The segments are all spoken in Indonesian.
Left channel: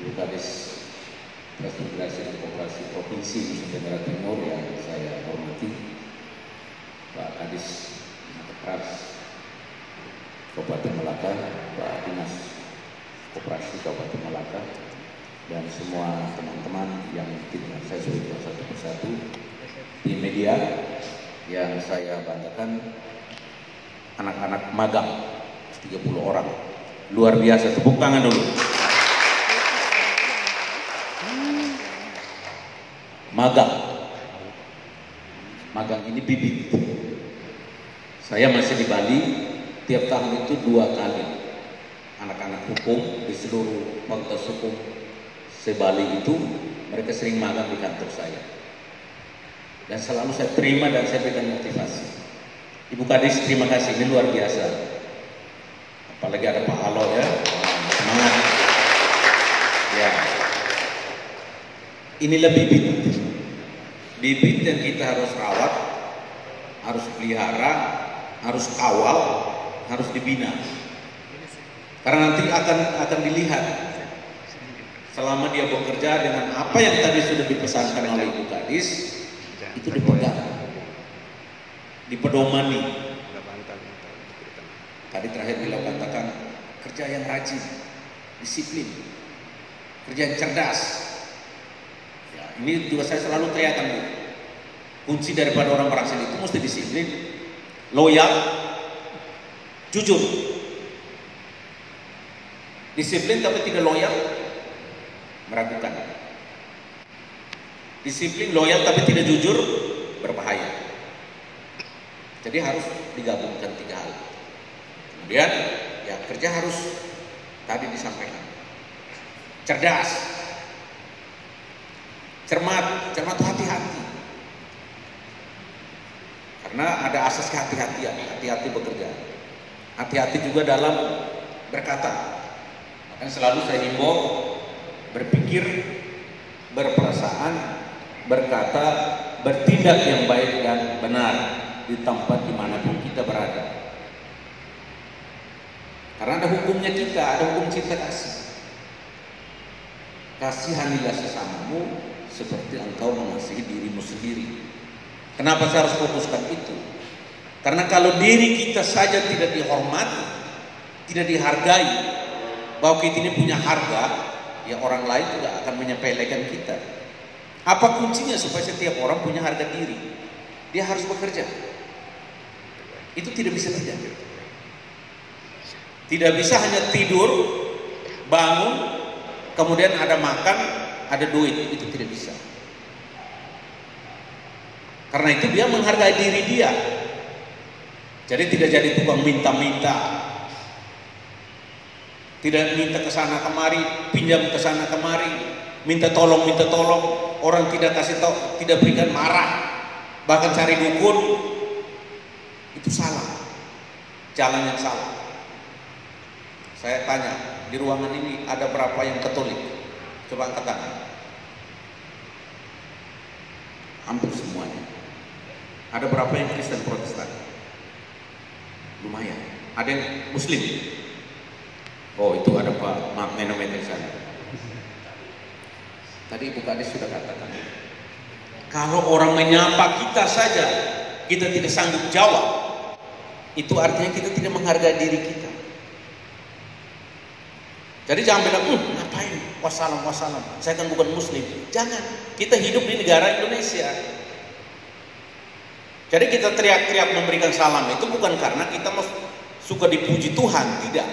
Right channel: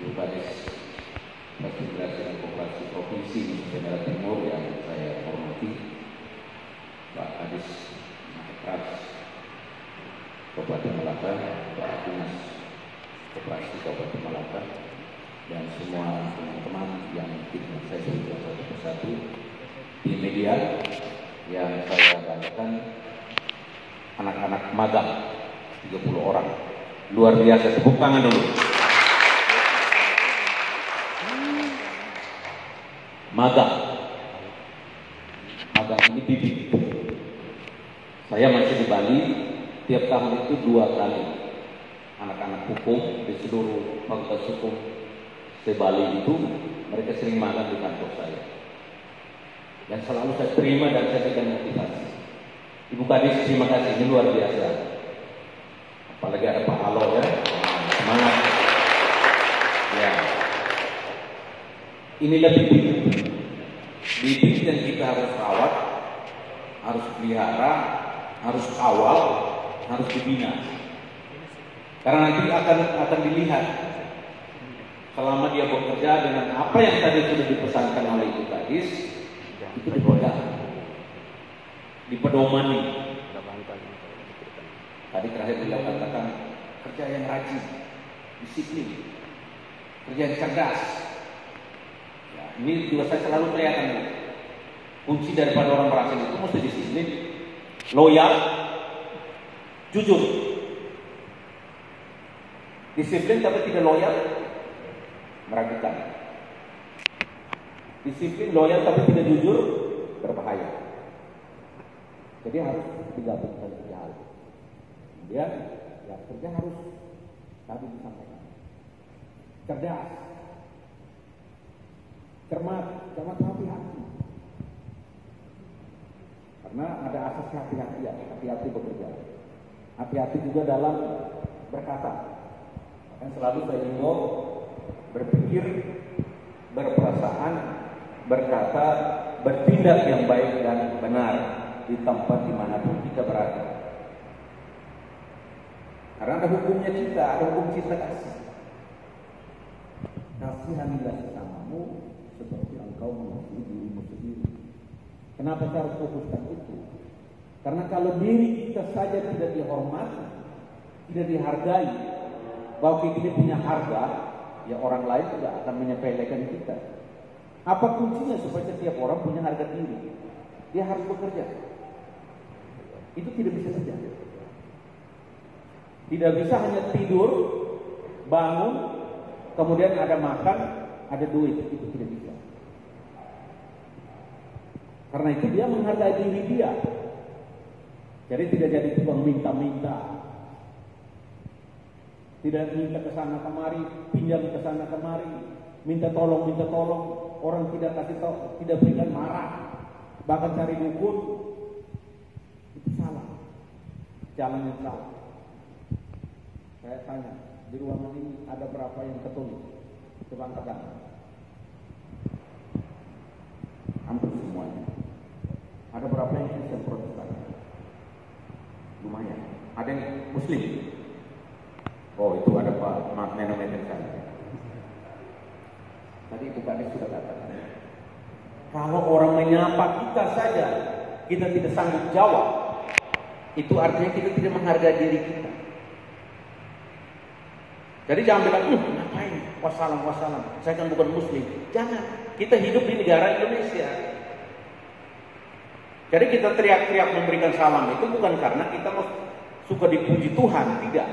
Ibu Kadis Transmigrasi dan Koperasi Provinsi Nusa Tenggara Timur yang saya hormati, Pak Kadis Markas Kabupaten Malaka, Pak Dinas Koperasi Kabupaten Malaka, dan semua teman-teman yang tidak saya sebutkan satu persatu di media yang saya banggakan, anak-anak magang 30 orang, luar biasa, tepuk tangan dulu. Magang ini bibit. Saya masih di Bali, tiap tahun itu 2 kali anak-anak hukum di seluruh fakultas hukum se-Bali itu mereka sering magang di kantor saya, dan selalu saya terima dan saya berikan motivasi. Ibu Kadis, terima kasih, ini luar biasa, apalagi ada Pak Alo ya, semangat ya. Inilah bibit yang kita harus rawat, harus pelihara, harus kawal, harus dibina. Karena nanti akan dilihat selama dia bekerja dengan apa yang tadi sudah dipesankan oleh Ibu Kadis, itu dipegang, dipedomani. Tadi terakhir beliau katakan kerja yang rajin, disiplin, kerja yang cerdas. Ini juga saya selalu teriakan, Bu. Kunci daripada orang berhasil itu mesti disiplin, loyal, jujur. Disiplin tapi tidak loyal, meragukan. Disiplin, loyal tapi tidak jujur, berbahaya. Jadi harus digabungkan 3 hal. Kemudian ya kerja harus tadi disampaikan, cerdas, cermat itu hati-hati, karena ada asas kehati-hatian, hati-hati bekerja, hati-hati juga dalam berkata. Makanya selalu saya himbau berpikir, berperasaan, berkata, bertindak yang baik dan benar di tempat dimanapun kita berada. Karena ada hukumnya kita, ada hukum cinta kasih. Kasihanilah sesamamu seperti engkau mengasihi dirimu sendiri. Kenapa saya harus fokuskan itu? Karena kalau diri kita saja tidak dihormati, tidak dihargai, bahwa kita ini punya harga, ya orang lain juga akan menyepelekan kita. Apa kuncinya supaya setiap orang punya harga diri? Dia harus bekerja. Itu tidak bisa terjadi. Tidak bisa hanya tidur, bangun, kemudian ada makan, ada duit, itu tidak bisa. Karena itu dia menghargai diri dia. Jadi tidak jadi tukang minta-minta. Tidak minta ke sana kemari, pinjam ke sana kemari, minta tolong, orang tidak kasih tahu, tidak berikan, marah, bahkan cari dukun. Itu salah. Jalan yang salah. Saya tanya, di ruangan ini ada berapa yang Katolik? Coba angkat tangan. Hampir semuanya. Ada berapa yang Kristen Protestan? Lumayan. Ada yang Muslim? Oh, itu ada Pak Menomet di sana. Tadi Ibu Kadis sudah katakan, kalau orang menyapa kita saja kita tidak sanggup jawab, itu artinya kita tidak menghargai diri kita. Jadi jangan bilang, ngapain? Wassalam, saya kan bukan Muslim. Jangan, kita hidup di negara Indonesia. Jadi kita teriak-teriak memberikan salam itu bukan karena kita suka dipuji Tuhan, tidak.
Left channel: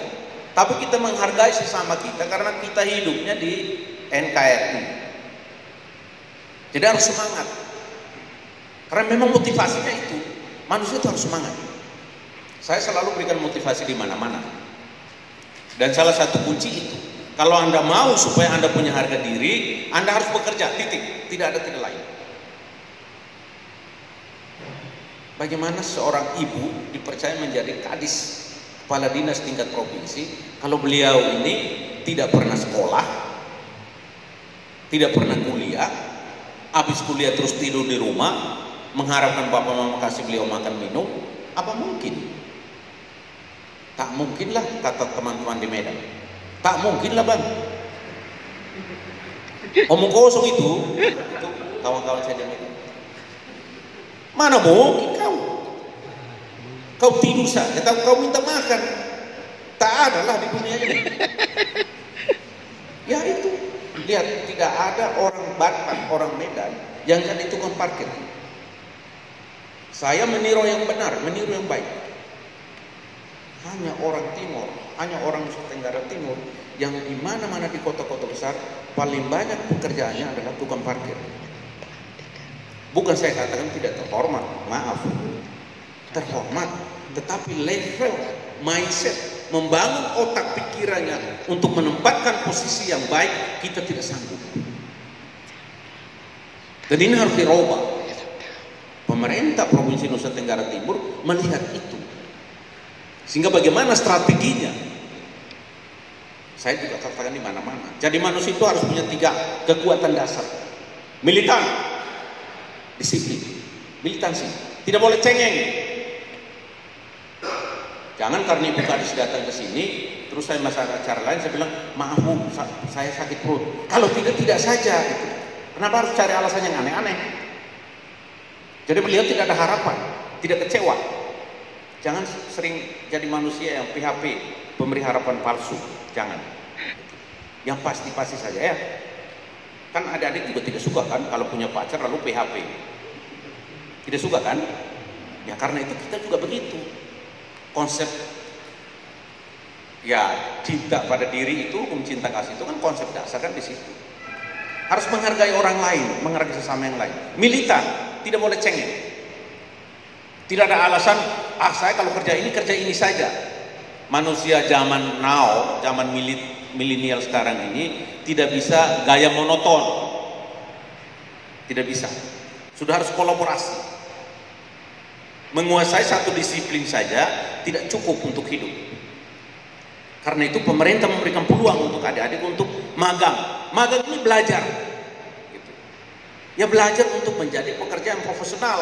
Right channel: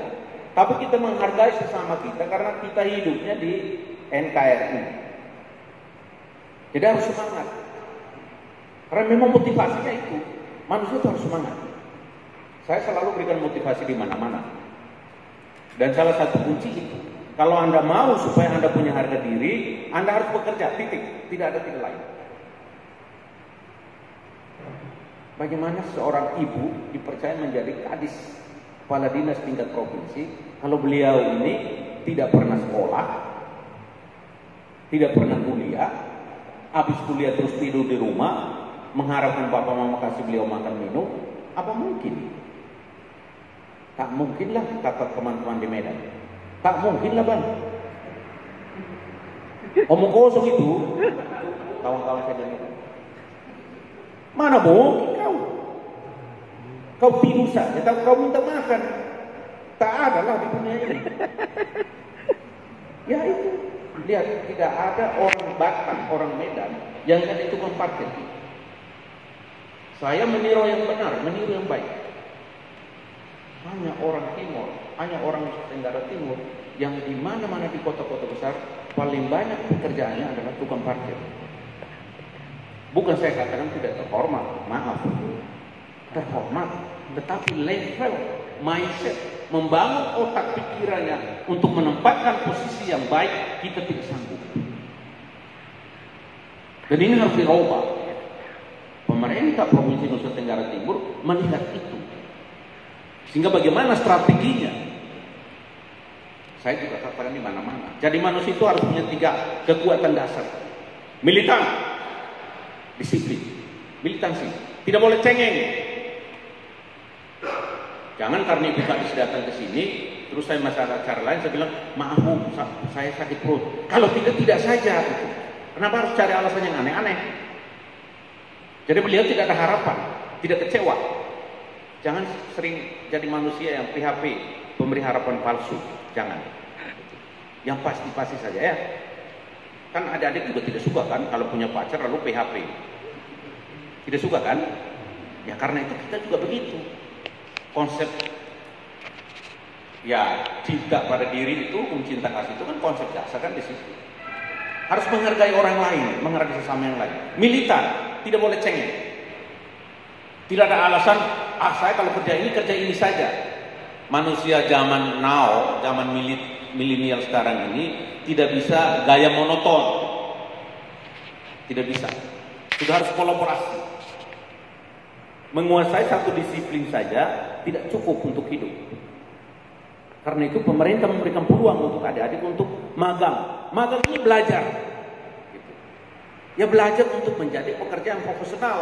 Tapi kita menghargai sesama kita karena kita hidupnya di NKRI. Jadi harus semangat. Karena memang motivasinya itu, manusia itu harus semangat. Saya selalu berikan motivasi di mana-mana. Dan salah satu kunci itu, kalau Anda mau supaya Anda punya harga diri, Anda harus bekerja, titik. Tidak ada tidak lain. Bagaimana seorang ibu dipercaya menjadi kadis kepala dinas tingkat provinsi, kalau beliau ini tidak pernah sekolah, tidak pernah kuliah, habis kuliah terus tidur di rumah, mengharapkan bapak mama kasih beliau makan minum? Apa mungkin? Tak mungkinlah, kata teman-teman di Medan. Tak mungkinlah, Bang. Omong kosong itu kawan-kawan saya yang itu. Mana mungkin kau tidur saja, tapi kau minta makan. Tak ada lah di dunia ini. Ya itu, lihat tidak ada orang Batak, orang Medan yang jadi tukang parkir. Saya meniru yang benar, meniru yang baik. Hanya orang Timur, hanya orang Nusa Tenggara Timur yang di mana-mana di kota-kota besar paling banyak pekerjaannya adalah tukang parkir. Bukan saya katakan tidak terhormat, maaf, terhormat, tetapi level mindset, membangun otak pikirannya untuk menempatkan posisi yang baik, kita tidak sanggup. Dan ini harus dirubah. Pemerintah Provinsi Nusa Tenggara Timur melihat itu. Sehingga bagaimana strateginya? Saya juga katakan di mana-mana. Jadi manusia itu harus punya 3 kekuatan dasar. Militan, disiplin, militansi. Tidak boleh cengeng. Jangan karena Ibu Kadis datang ke sini, terus saya masuk acara lain, saya bilang, maaf Bu, saya sakit perut. Kalau tidak saja. Gitu. Kenapa harus cari alasan yang aneh-aneh? Jadi beliau tidak ada harapan, tidak kecewa. Jangan sering jadi manusia yang PHP, pemberi harapan palsu. Jangan. Yang pasti-pasti saja ya. Kan adik-adik juga tidak suka kan kalau punya pacar lalu PHP. Tidak suka kan? Ya karena itu kita juga begitu. Konsep ya cinta pada diri itu, cinta kasih itu kan konsep dasar kan di situ. Harus menghargai orang lain, menghargai sesama yang lain. Militan, tidak boleh cengeng. Tidak ada alasan, saya kalau kerja ini saja. Manusia zaman now, zaman milenial sekarang ini tidak bisa gaya monoton. Tidak bisa. Sudah harus kolaborasi. Menguasai satu disiplin saja tidak cukup untuk hidup. Karena itu pemerintah memberikan peluang untuk adik-adik untuk magang. Magang ini belajar. Gitu. Ya belajar untuk menjadi pekerja yang profesional.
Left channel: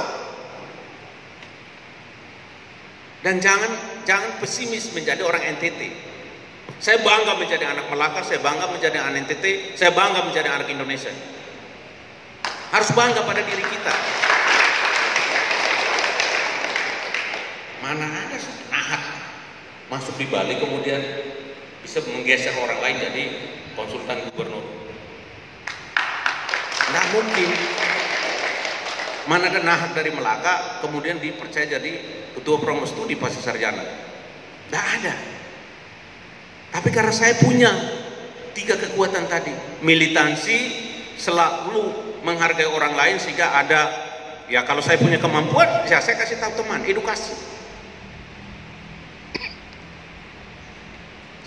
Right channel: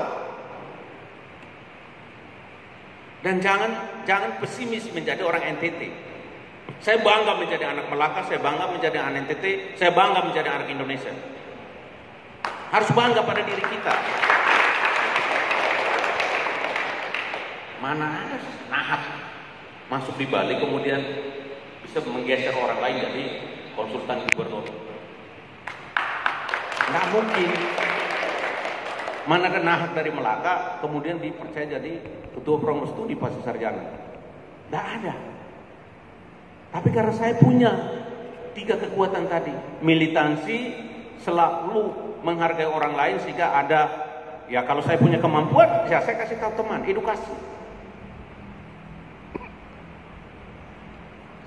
Dan jangan pesimis menjadi orang NTT. Saya bangga menjadi anak Melaka, saya bangga menjadi anak NTT, saya bangga menjadi anak Indonesia. Harus bangga pada diri kita. Mana ada nahat masuk di Bali kemudian bisa menggeser orang lain jadi konsultan gubernur. Nggak mungkin. Mana ada nahat dari Melaka kemudian dipercaya jadi ketua promo studi pasca sarjana. Nggak ada. Tapi karena saya punya 3 kekuatan tadi, militansi, selalu menghargai orang lain sehingga ada, ya kalau saya punya kemampuan, ya saya kasih tahu teman, edukasi.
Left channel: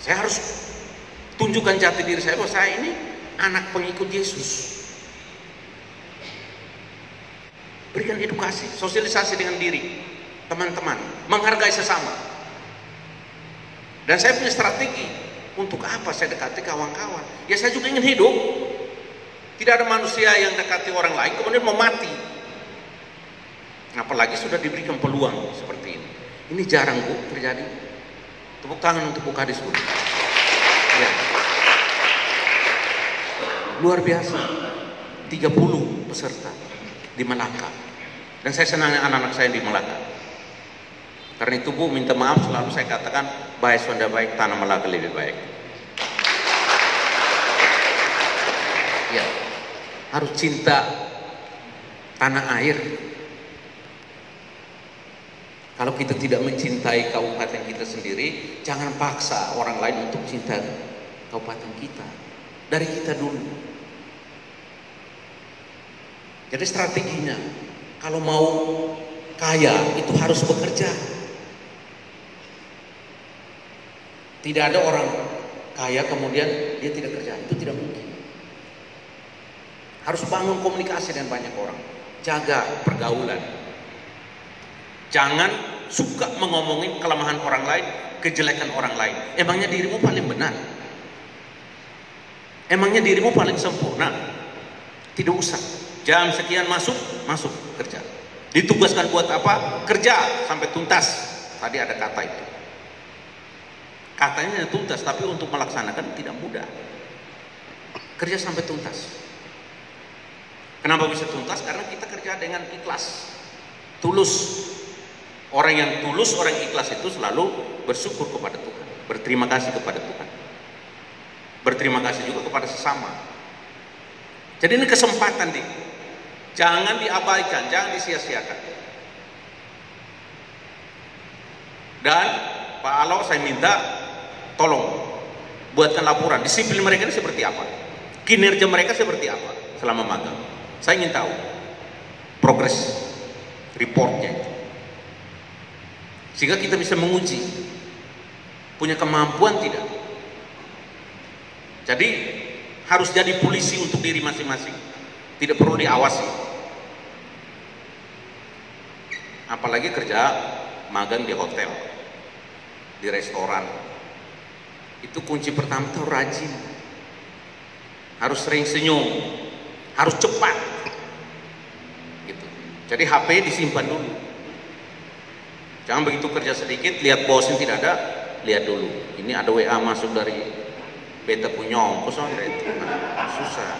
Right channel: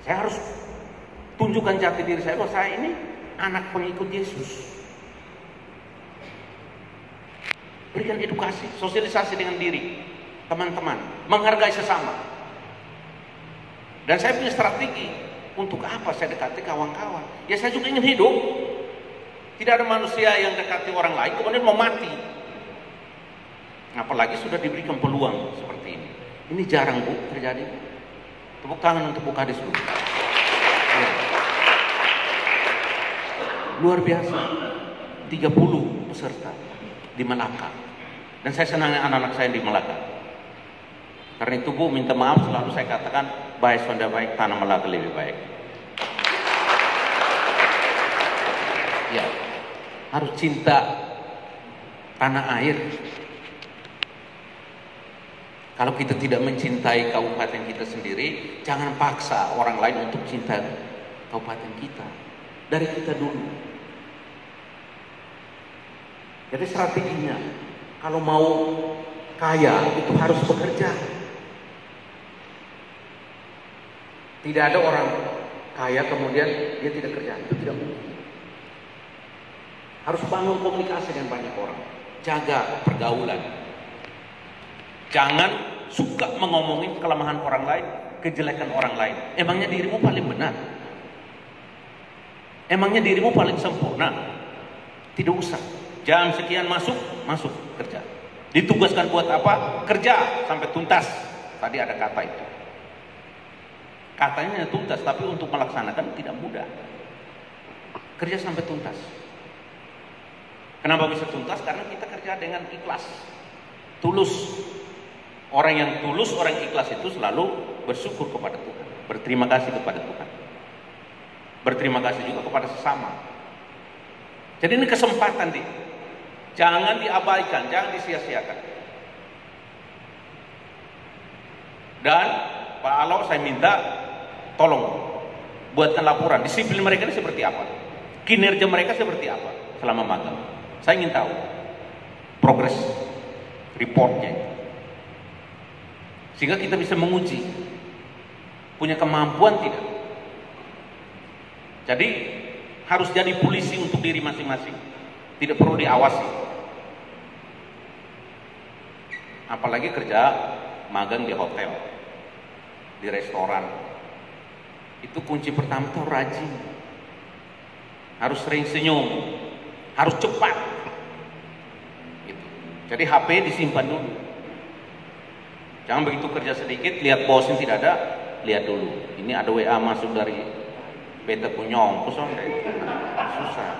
Saya harus tunjukkan jati diri saya bahwa saya ini anak pengikut Yesus. Berikan edukasi, sosialisasi dengan diri, teman-teman, menghargai sesama. Dan saya punya strategi, untuk apa saya dekati kawan-kawan? Ya saya juga ingin hidup. Tidak ada manusia yang dekati orang lain kemudian mau mati. Apalagi sudah diberikan peluang seperti ini. Ini jarang Bu terjadi. Tepuk tangan untuk Bu Kadis Bu. Ya. Luar biasa. 30 peserta di Melaka. Dan saya senang anak-anak saya di Melaka. Karena itu Bu, minta maaf selalu saya katakan, baik Sonda baik, tanah Melaka lebih baik. Ya, harus cinta tanah air. Kalau kita tidak mencintai kabupaten kita sendiri, jangan paksa orang lain untuk cinta kabupaten kita. Dari kita dulu. Jadi strateginya, kalau mau kaya itu harus bekerja. Tidak ada orang kaya kemudian dia tidak kerja, itu tidak mungkin. Harus bangun komunikasi dengan banyak orang, jaga pergaulan. Jangan suka mengomongin kelemahan orang lain, kejelekan orang lain. Emangnya dirimu paling benar? Emangnya dirimu paling sempurna? Tidak usah. Jam sekian masuk kerja. Ditugaskan buat apa? Kerja sampai tuntas. Tadi ada kata itu. Katanya tuntas, tapi untuk melaksanakan tidak mudah. kerja sampai tuntas. Kenapa bisa tuntas? Karena kita kerja dengan ikhlas, tulus. Orang yang tulus, orang ikhlas itu selalu bersyukur kepada Tuhan, berterima kasih kepada Tuhan, berterima kasih juga kepada sesama. Jadi ini kesempatan nih, jangan diabaikan, jangan disia-siakan. Dan Pak Alo, saya minta tolong buatkan laporan disiplin mereka ini seperti apa, kinerja mereka seperti apa selama magang. Saya ingin tahu progres reportnya itu, sehingga kita bisa menguji punya kemampuan tidak. Jadi harus jadi polisi untuk diri masing-masing, tidak perlu diawasi. Apalagi kerja magang di hotel, di restoran, itu kunci pertama tuh rajin, harus sering senyum, harus cepat gitu. Jadi HP disimpan dulu, jangan begitu kerja sedikit lihat bosnya tidak ada, lihat dulu ini ada WA masuk dari beta punya ongkos, itu susah.